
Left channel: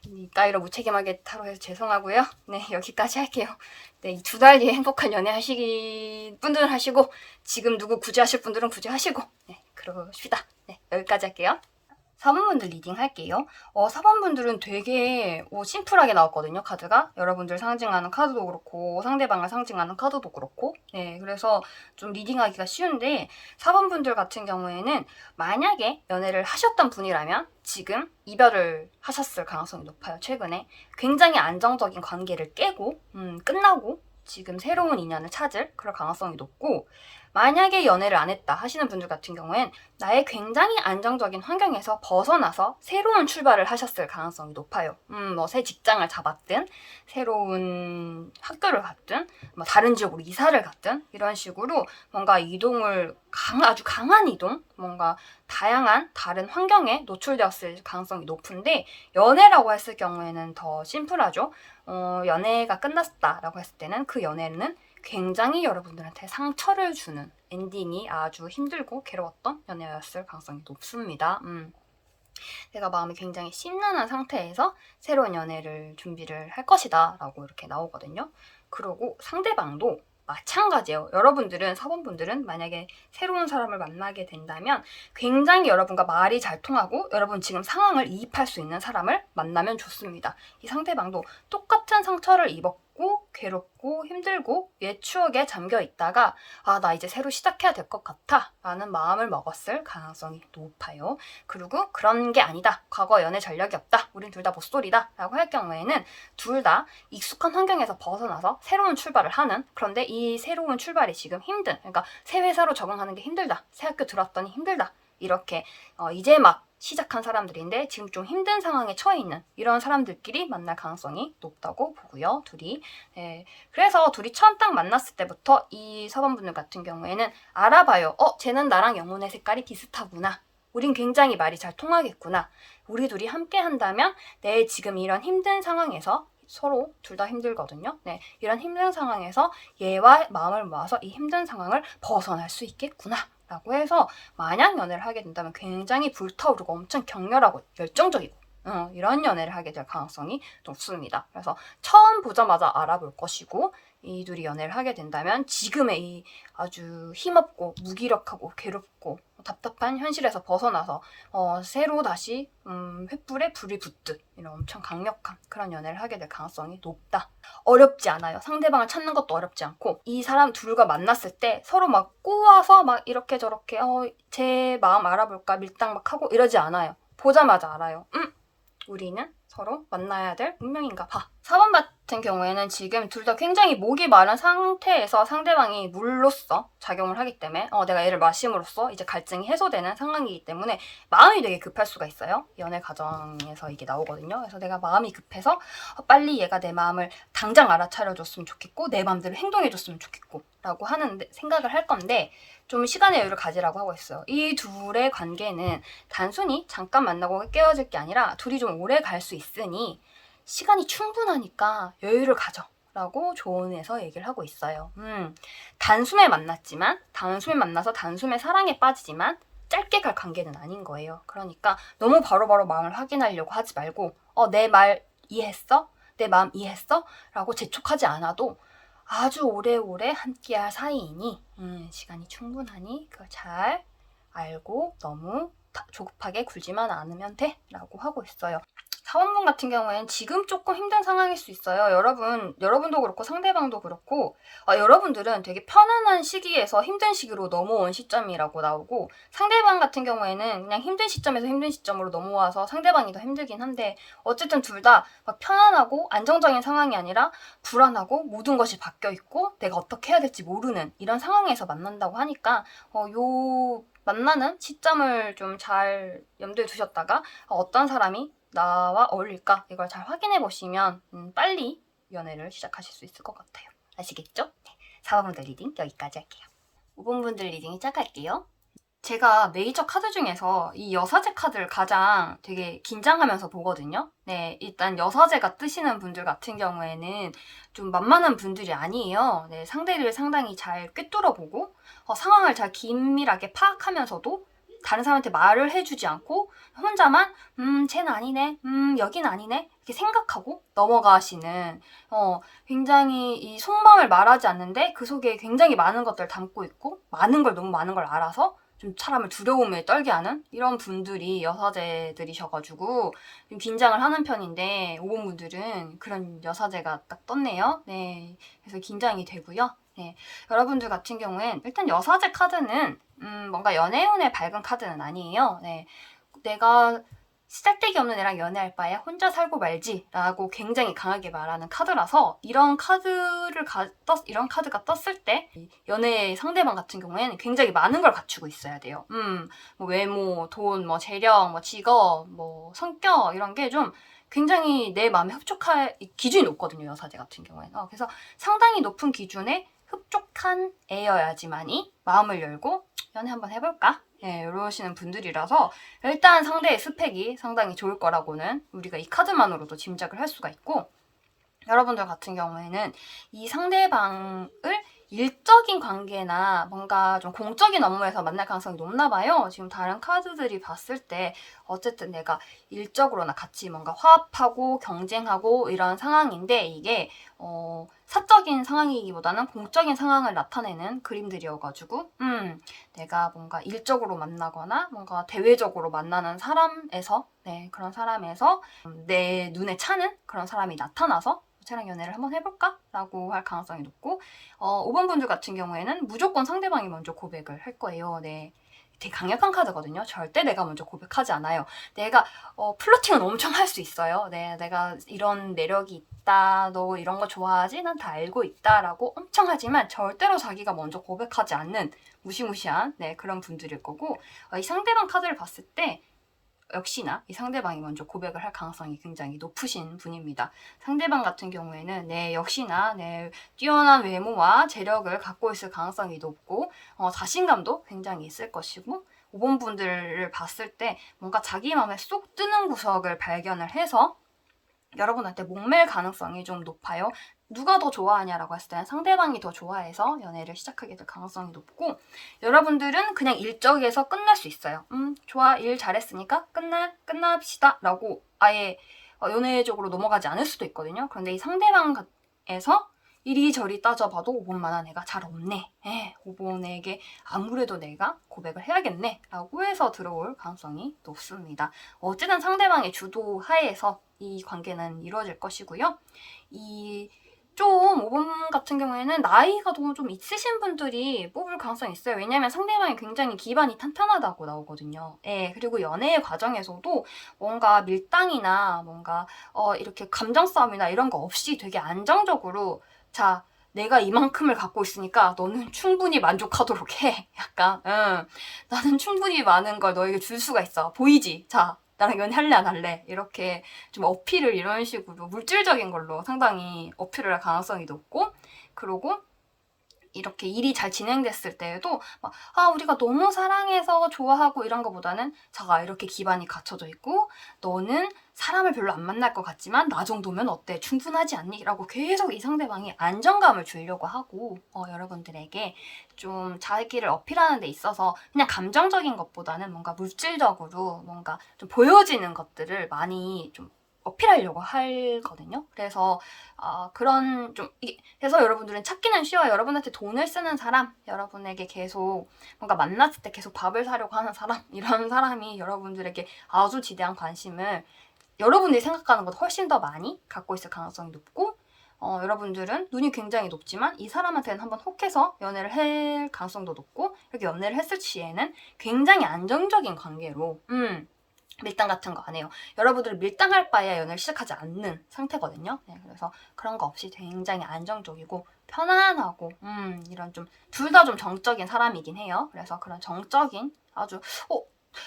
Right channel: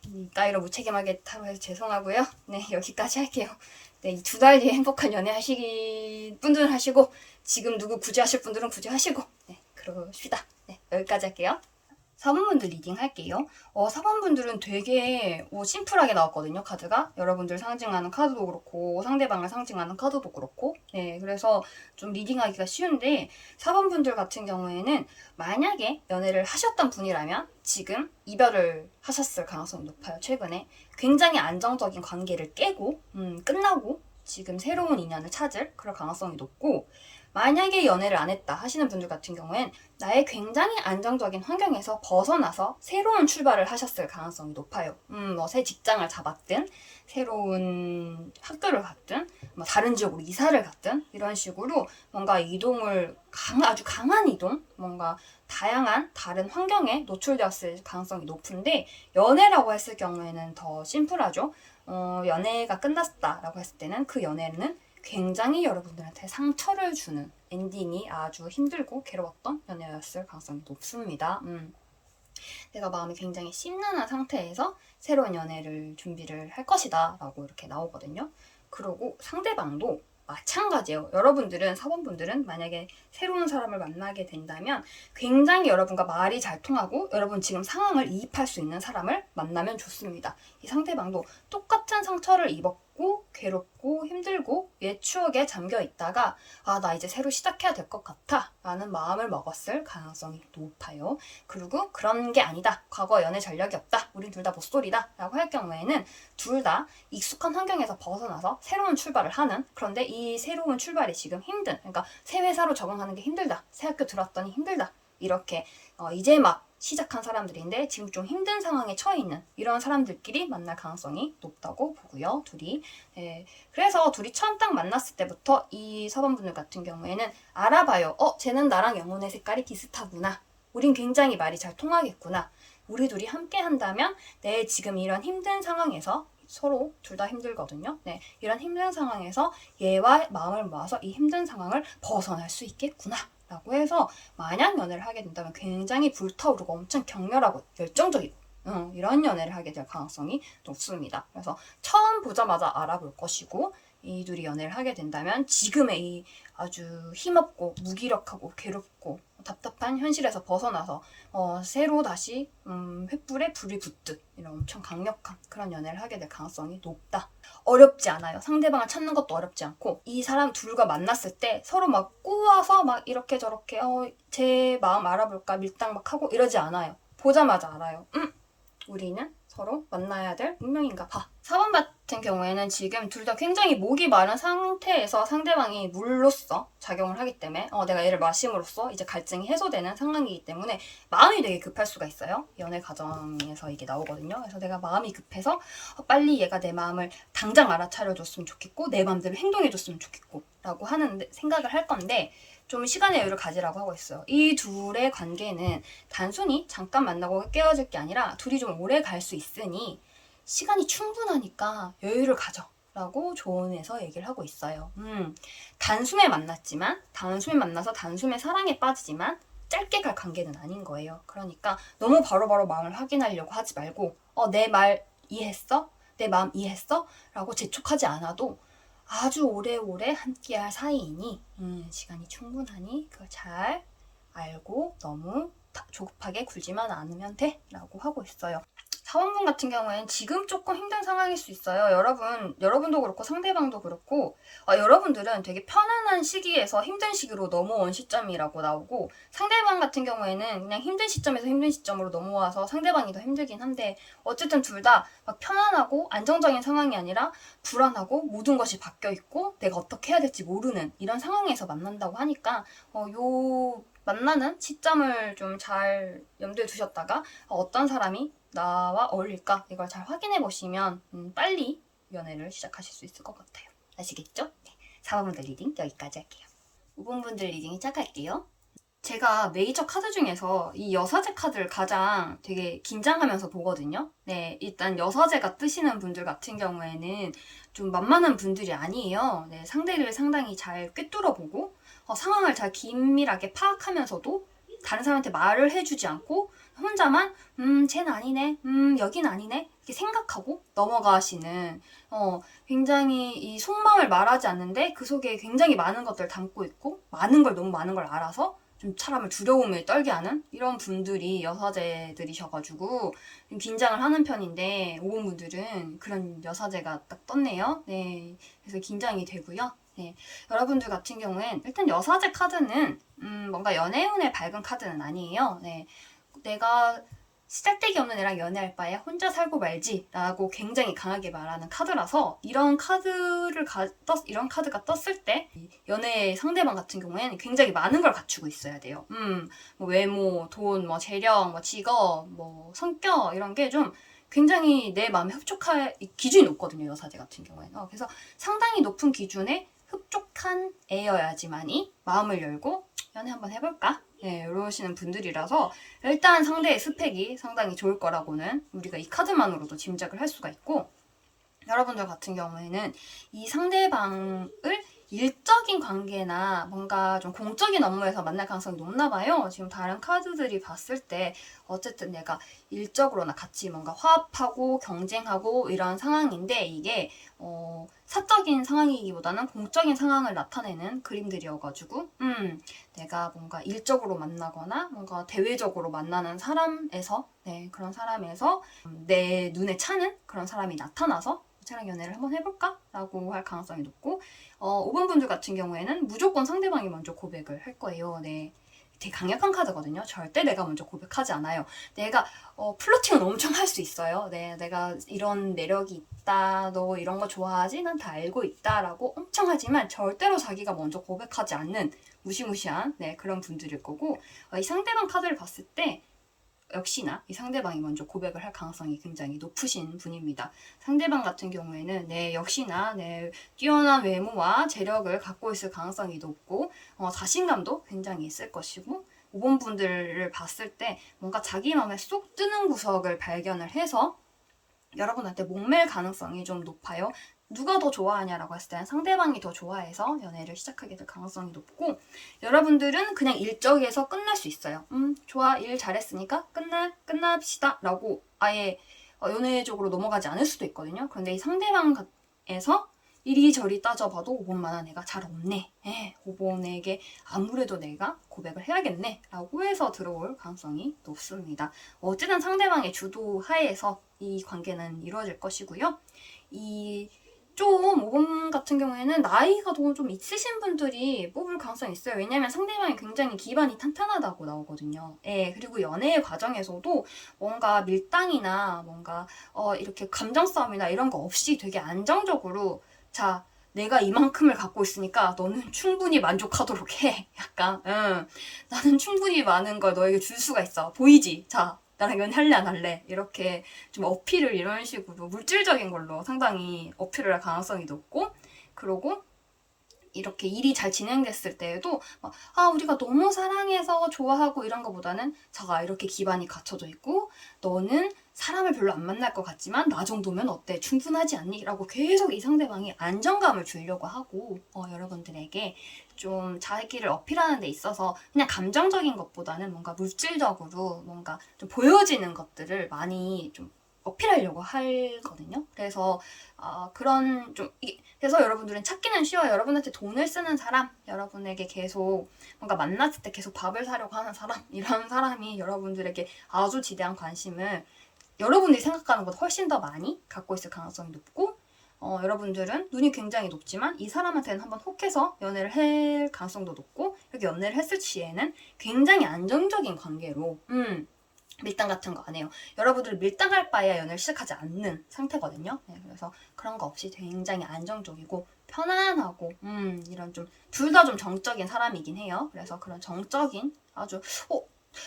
이 따위로 무책임하게 타로해서 죄송하고요. 네 여기까지 할게요. 네 이 2달 뒤에 행복한 연애 하시기 분들은 하시고 지금 누구 구제하실 분들은 구제하시고 네 그러시다. 네 여기까지 할게요. 4번분들 리딩 할게요. 4번분들은 되게 심플하게 나왔거든요, 카드가. 여러분들 상징하는 카드도 그렇고, 상대방을 상징하는 카드도 그렇고. 네, 그래서 좀 리딩하기가 쉬운데, 4번분들 같은 경우에는 만약에 연애를 하셨던 분이라면 지금 이별을 하셨을 가능성이 높아요, 최근에. 굉장히 안정적인 관계를 깨고, 끝나고, 지금 새로운 인연을 찾을 그럴 가능성이 높고, 만약에 연애를 안 했다 하시는 분들 같은 경우엔 나의 굉장히 안정적인 환경에서 벗어나서 새로운 출발을 하셨을 가능성이 높아요. 뭐 새 직장을 잡았든 새로운 학교를 갔든 뭐 다른 지역으로 이사를 갔든 이런 식으로 뭔가 이동을 아주 강한 이동, 뭔가 다양한 다른 환경에 노출되었을 가능성이 높은데 연애라고 했을 경우에는 더 심플하죠. 연애가 끝났다라고 했을 때는 그 연애는 굉장히 여러분들한테 상처를 주는 엔딩이 아주 힘들고 괴로웠던 연애였을 가능성이 높습니다. 내가 마음이 굉장히 심란한 상태에서 새로운 연애를 준비를 할 것이다 라고 이렇게 나오거든요. 그리고 상대방도 마찬가지예요. 여러분들은, 4번분들은 만약에 새로운 사람을 만나게 된다면 굉장히 여러분과 말이 잘 통하고 여러분 지금 상황을 이입할 수 있는 사람을 만나면 좋습니다. 이 상대방도 똑같은 상처를 입었고 괴롭고 힘들고 옛 추억에 잠겨 있다가 나 이제 새로 시작해야 될 것 같아 라는 마음을 먹었을 가능성이 높아요. 그리고 그런 게 아니다. 과거 연애 전력이 없다. 우린 둘 다 못소리다. 라고 할 경우에는 둘 다 익숙한 환경에서 벗어나서 새로운 출발을 하는, 그런데 이 새로운 출발이 지금 그러니까 새 회사로 적응하는 게 힘들다. 새 학교 들어왔더니 힘들다. 이렇게 이제 막 시작한 사람들인데 지금 좀 힘든 상황에 처해 있는 이런 사람들끼리 만날 가능성이 높다고 보고요. 둘이. 그래서 둘이 처음 딱 만났을 때부터 이 4번분들 같은 경우에는 알아봐요. 쟤는 나랑 영혼의 색깔이 비슷하구나. 우린 굉장히 말이 잘 통하겠구나. 우리 둘이 함께 한다면 내 지금 이런 힘든 상황에서 서로 둘 다 힘들거든요. 네, 이런 힘든 상황에서 얘와 마음을 모아서 이 힘든 상황을 벗어날 수 있겠구나. 라고 해서 만약 연애를 하게 된다면 굉장히 불타오르고 엄청 격렬하고 열정적이고 이런 연애를 하게 될 가능성이 높습니다. 그래서 처음 보자마자 알아볼 것이고 이 둘이 연애를 하게 된다면 지금의 이 아주 힘없고 무기력하고 괴롭고 답답한 현실에서 벗어나서 새로 다시 횃불에 불이 붙듯 이런 엄청 강력한 그런 연애를 하게 될 가능성이 높다. 어렵지 않아요. 상대방을 찾는 것도 어렵지 않고 이 사람 둘과 만났을 때 서로 막 꼬아서 막 이렇게 저렇게 제 마음 알아볼까 밀당 막 하고 이러지 않아요. 보자마자 알아요. 우리는 서로 만나야 될 운명인가 봐. 4번 같은 경우에는 지금 둘 다 굉장히 목이 마른 상태에서 상대방이 물로써 작용을 하기 때문에 내가 얘를 마심으로써 이제 갈증이 해소되는 상황이기 때문에 마음이 되게 급할 수가 있어요. 연애 과정에서 이게 나오거든요. 그래서 내가 마음이 급해서 빨리 얘가 내 마음을 당장 알아차려줬으면 좋겠고 내 마음대로 행동해줬으면 좋겠고 라고 하는 생각을 할 건데 좀 시간의 여유를 가지라고 하고 있어요. 이 둘의 관계는 단순히 잠깐 만나고 깨어질 게 아니라 둘이 좀 오래 갈 수 있으니 시간이 충분하니까 여유를 가져 라고 조언해서 얘기를 하고 있어요. 단숨에 만나서 단숨에 사랑에 빠지지만 짧게 갈 관계는 아닌 거예요. 그러니까 너무 바로바로 마음을 확인하려고 하지 말고 내 말 이해했어? 내 마음 이해했어? 라고 재촉하지 않아도 아주 오래오래 함께할 사이이니 시간이 충분하니 그걸 잘 알고 너무 조급하게 굴지만 않으면 돼 라고 하고 있어요. 사원분 같은 경우에는 지금 조금 힘든 상황일 수 있어요. 여러분도 그렇고 상대방도 그렇고 여러분들은 되게 편안한 시기에서 힘든 시기로 넘어온 시점이라고 나오고 상대방 같은 경우에는 그냥 힘든 시점에서 힘든 시점으로 넘어와서 상대방이 더 힘들긴 한데 어쨌든 둘 다 막 편안하고 안정적인 상황이 아니라 불안하고 모든 것이 바뀌어 있고 내가 어떻게 해야 될지 모르는 이런 상황에서 만난다고 하니까 요 만나는 시점을 좀 잘 염두에 두셨다가 어떤 사람이 나와 어울릴까? 이걸 잘 확인해 보시면 빨리 연애를 시작하실 수 있을 것 같아요. 아시겠죠? 네, 4번분들 리딩 여기까지 할게요. 5번분들 리딩 시작할게요. 제가 메이저 카드 중에서 이 여사제 카드를 가장 되게 긴장하면서 보거든요. 네, 일단 여사제가 뜨시는 분들 같은 경우에는 좀 만만한 분들이 아니에요. 네, 상대를 상당히 잘 꿰뚫어보고 상황을 잘 긴밀하게 파악하면서도 다른 사람한테 말을 해주지 않고 혼자만 쟤는 아니네, 여긴 아니네 이렇게 생각하고 넘어가시는 굉장히 이 속마음을 말하지 않는데 그 속에 굉장히 많은 것들을 담고 있고 너무 많은 걸 알아서 좀 사람을 두려움에 떨게 하는 이런 분들이 여사제들이셔가지고 좀 긴장을 하는 편인데 5번 분들은 그런 여사제가 딱 떴네요. 네, 그래서 긴장이 되고요. 네, 여러분들 같은 경우엔 일단 여사제 카드는 뭔가 연애운에 밝은 카드는 아니에요. 네, 내가 시작대기 없는 애랑 연애할 바에 혼자 살고 말지 라고 굉장히 강하게 말하는 카드라서 이런 이런 카드가 떴을 때 연애 상대방 같은 경우에는 굉장히 많은 걸 갖추고 있어야 돼요. 뭐 외모, 돈, 뭐 재력, 뭐 직업, 뭐 성격 이런 게 좀 굉장히 내 마음에 흡족할 기준이 높거든요. 여사제 같은 경우에는. 그래서 상당히 높은 기준에 흡족한 애여야지만이 마음을 열고 연애 한번 해볼까? 네, 이러시는 분들이라서 일단 상대의 스펙이 상당히 좋을 거라고는 우리가 이 카드만으로도 짐작을 할 수가 있고 여러분들 같은 경우에는 이 상대방을 일적인 관계나 뭔가 좀 공적인 업무에서 만날 가능성이 높나 봐요. 지금 다른 카드들이 봤을 때 어쨌든 내가 일적으로나 같이 뭔가 화합하고 경쟁하고 이런 상황인데 이게 사적인 상황이기보다는 공적인 상황을 나타내는 그림들이어가지고 내가 뭔가 일적으로 만나거나 뭔가 대외적으로 만나는 사람에서 그런 사람에서 내 눈에 차는 그런 사람이 나타나서 쟤랑 연애를 한번 해볼까? 라고 할 가능성이 높고 5번 분들 같은 경우에는 무조건 상대방이 먼저 고백을 할 거예요. 네. 되게 강력한 카드거든요. 절대 내가 먼저 고백하지 않아요. 내가 플러팅은 엄청 할 수 있어요. 네, 내가 이런 매력이 있다. 너 이런 거 좋아하지? 난 다 알고 있다. 라고 엄청 하지만 절대로 자기가 먼저 고백하지 않는 무시무시한 그런 분들일 거고 이 상대방 카드를 봤을 때 역시나 이 상대방이 먼저 고백을 할 가능성이 굉장히 높으신 분입니다. 상대방 같은 경우에는 역시나 뛰어난 외모와 재력을 갖고 있을 가능성이 높고 자신감도 굉장히 있을 것이고 5번 분들을 봤을 때 뭔가 자기 마음에 쏙 뜨는 구석을 발견을 해서 여러분한테 목맬 가능성이 좀 높아요. 누가 더 좋아하냐라고 했을 때는 상대방이 더 좋아해서 연애를 시작하게 될 가능성이 높고 여러분들은 그냥 일적에서 끝날 수 있어요. 좋아, 일 잘했으니까 끝납시다 라고 아예 연애적으로 넘어가지 않을 수도 있거든요. 그런데 이 상대방에서 이리저리 따져봐도 5번만한 애가 잘 없네. 5번에게 아무래도 내가 고백을 해야겠네 라고 해서 들어올 가능성이 높습니다. 어쨌든 상대방의 주도 하에서 이 관계는 이루어질 것이고요. 좀 5번 같은 경우에는 나이가 좀 있으신 분들이 뽑을 가능성이 있어요. 왜냐면 상대방이 굉장히 기반이 탄탄하다고 나오거든요. 그리고 연애의 과정에서도 뭔가 밀당이나 뭔가 이렇게 감정 싸움이나 이런 거 없이 되게 안정적으로 자, 내가 이만큼을 갖고 있으니까 너는 충분히 만족하도록 해. 약간 나는 충분히 많은 걸 너에게 줄 수가 있어. 보이지? 자, 나랑 연애할래 안 할래? 이렇게 좀 어필을 이런 식으로 물질적인 걸로 상당히 어필을 할 가능성이 높고 그러고 이렇게 일이 잘 진행됐을 때에도 우리가 너무 사랑해서 좋아하고 이런 거보다는 자가 이렇게 기반이 갖춰져 있고 너는 사람을 별로 안 만날 것 같지만 나 정도면 어때? 충분하지 않니? 라고 계속 이 상대방이 안정감을 주려고 하고 여러분들에게 좀 자기를 어필하는 데 있어서 그냥 감정적인 것보다는 뭔가 물질적으로 뭔가 좀 보여지는 것들을 많이 좀 어필하려고 하거든요. 그래서 그래서 여러분들은 찾기는 쉬워요. 여러분한테 돈을 쓰는 사람, 여러분에게 계속 뭔가 만났을 때 계속 밥을 사려고 하는 사람, 이런 사람이 여러분들에게 아주 지대한 관심을 여러분들이 생각하는 것보다 훨씬 더 많이 갖고 있을 가능성이 높고, 여러분들은 눈이 굉장히 높지만 이 사람한테는 한번 혹해서 연애를 할 가능성도 높고, 이렇게 연애를 했을 시에는 굉장히 안정적인 관계로 밀당 같은 거 안 해요. 여러분들 밀당할 바에야 연애를 시작하지 않는 상태거든요. 네, 그래서 그런 거 없이 굉장히 안정적이고 편안하고 이런 좀 둘 다 좀 정적인 사람이긴 해요. 그래서 그런 정적인 아주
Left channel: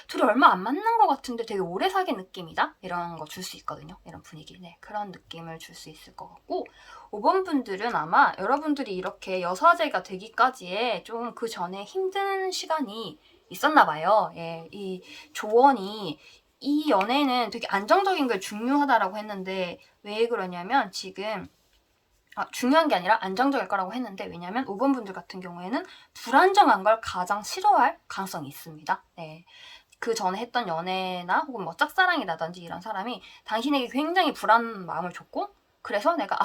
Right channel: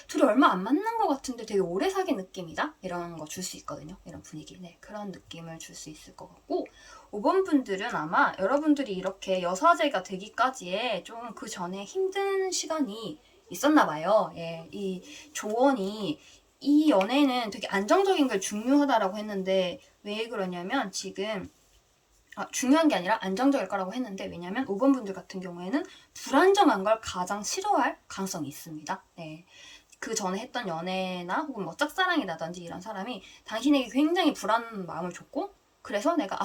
둘이 얼마 안 만난 것 같은데 되게 오래 사귄 느낌이다? 이런 거 줄 수 있거든요. 이런 분위기. 네, 그런 느낌을 줄 수 있을 것 같고, 5번 분들은 아마 여러분들이 이렇게 여사제가 되기까지에 좀 그 전에 힘든 시간이 있었나 봐요. 예, 이 조언이 이 연애는 되게 안정적인 게 중요하다라고 했는데, 왜 그러냐면 지금 중요한 게 아니라 안정적일 거라고 했는데, 왜냐면 5번 분들 같은 경우에는 불안정한 걸 가장 싫어할 가능성이 있습니다. 네. 그 전에 했던 연애나 혹은 뭐 짝사랑이라든지 이런 사람이 당신에게 굉장히 불안한 마음을 줬고, 그래서 내가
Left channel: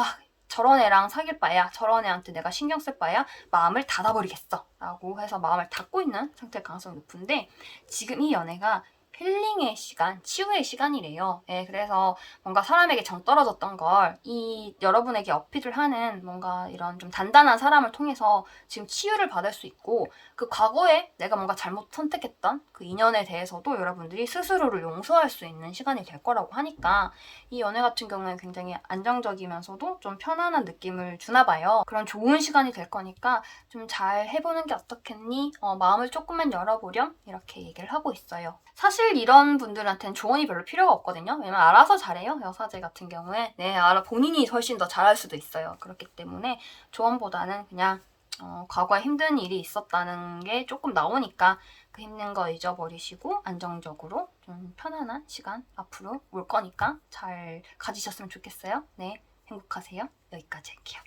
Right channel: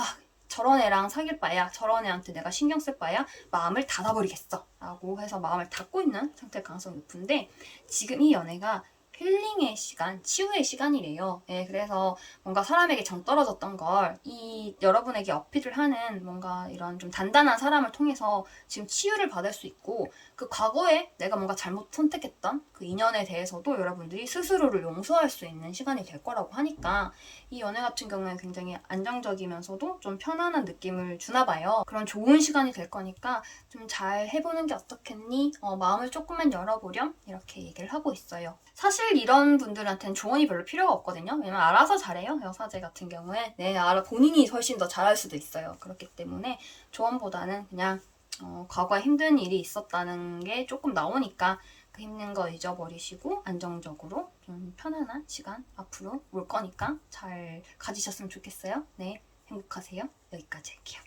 저런 애랑 사귈 바야, 저런 애한테 내가 신경 쓸 바야 마음을 닫아버리겠어 라고 해서 마음을 닫고 있는 상태일 가능성이 높은데, 지금 이 연애가 힐링의 시간, 치유의 시간이래요. 예, 그래서 뭔가 사람에게 정 떨어졌던 걸 이 여러분에게 어필을 하는 뭔가 이런 좀 단단한 사람을 통해서 지금 치유를 받을 수 있고, 그 과거에 내가 뭔가 잘못 선택했던 그 인연에 대해서도 여러분들이 스스로를 용서할 수 있는 시간이 될 거라고 하니까, 이 연애 같은 경우는 굉장히 안정적이면서도 좀 편안한 느낌을 주나 봐요. 그런 좋은 시간이 될 거니까 좀 잘 해보는 게 어떻겠니? 마음을 조금만 열어보렴? 이렇게 얘기를 하고 있어요. 사실 이런 분들한테는 조언이 별로 필요가 없거든요. 왜냐면 알아서 잘해요. 여사제 같은 경우에. 네, 본인이 훨씬 더 잘할 수도 있어요. 그렇기 때문에 조언보다는 그냥 과거에 힘든 일이 있었다는 게 조금 나오니까 그 힘든 거 잊어버리시고 안정적으로 좀 편안한 시간 앞으로 올 거니까 잘 가지셨으면 좋겠어요. 네, 행복하세요. 여기까지 할게요.